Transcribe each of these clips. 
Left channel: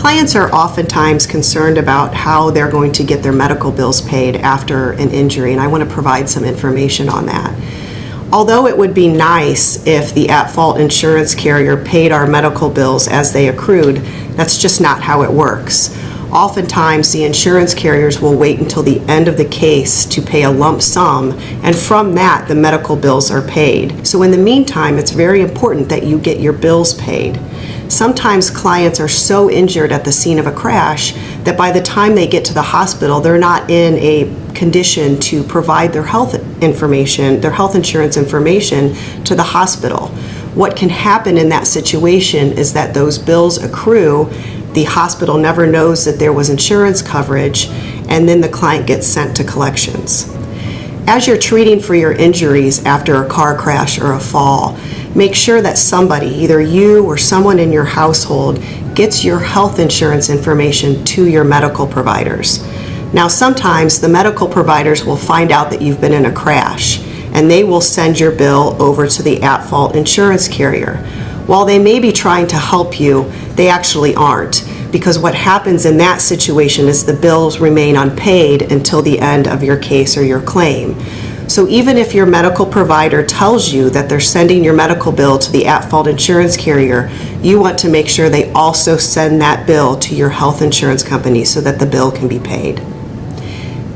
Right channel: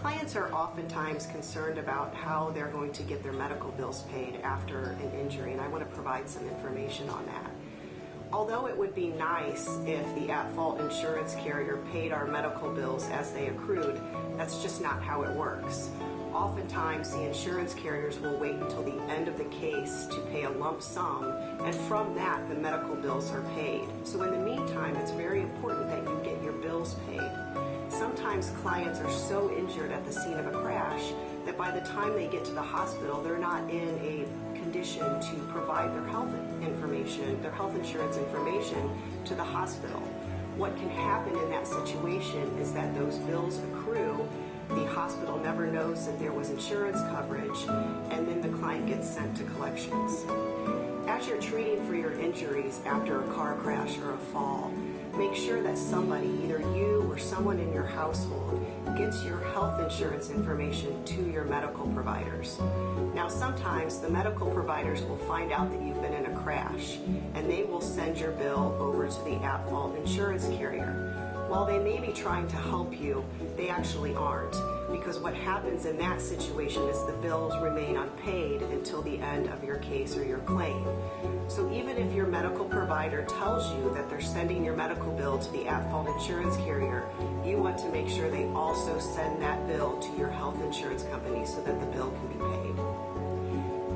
Clients are oftentimes concerned about how they're going to get their medical bills paid after an injury, and I want to provide some information on that. Although it would be nice if the at-fault insurance carrier paid our medical bills as they accrued, that's just not how it works. Oftentimes, the insurance carriers will wait until the end of the case to pay a lump sum, and from that, the medical bills are paid. So in the meantime, it's very important that you get your bills paid. Sometimes clients are so injured at the scene of a crash that by the time they get to the hospital, they're not in a condition to provide their health information, their health insurance information to the hospital. What can happen in that situation is that those bills accrue, the hospital never knows that there was insurance coverage, and then the client gets sent to collections. As you're treating for your injuries after a car crash or a fall, make sure that somebody, either you or someone in your household, gets your health insurance information to your medical providers. Now, sometimes the medical providers will find out that you've been in a crash, and they will send your bill over to the at-fault insurance carrier. While they may be trying to help you, they actually aren't, because what happens in that situation is the bills remain unpaid until the end of your case or your claim. So even if your medical provider tells you that they're sending your medical bill to the at-fault insurance carrier, you want to make sure they also send that bill to your health insurance company so that the bill can be paid.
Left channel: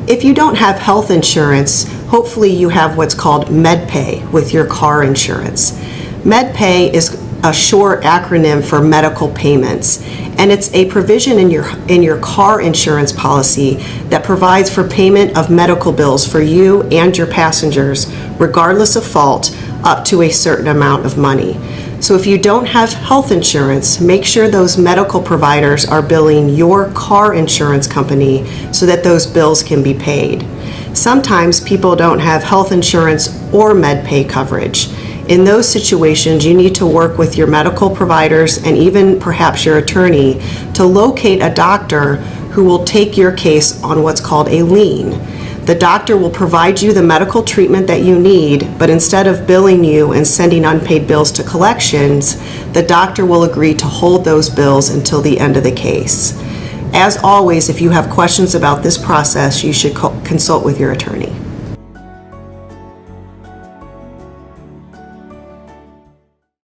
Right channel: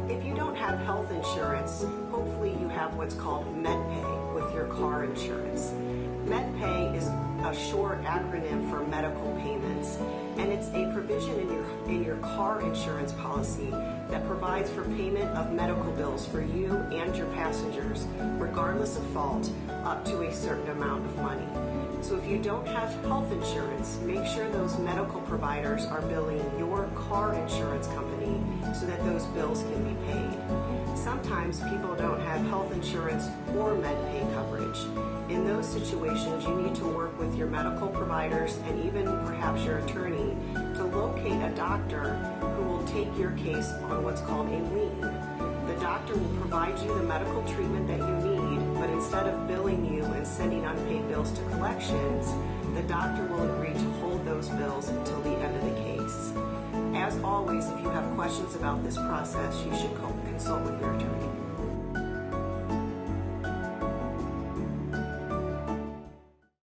If you don't have health insurance, hopefully you have what's called MedPay with your car insurance. MedPay is a short acronym for medical payments, and it's a provision in your car insurance policy that provides for payment of medical bills for you and your passengers, regardless of fault, up to a certain amount of money. So if you don't have health insurance, make sure those medical providers are billing your car insurance company so that those bills can be paid. Sometimes people don't have health insurance or MedPay coverage. In those situations, you need to work with your medical providers and even perhaps your attorney to locate a doctor who will take your case on what's called a lien. The doctor will provide you the medical treatment that you need, but instead of billing you and sending unpaid bills to collections, the doctor will agree to hold those bills until the end of the case. As always, if you have questions about this process, you should consult with your attorney.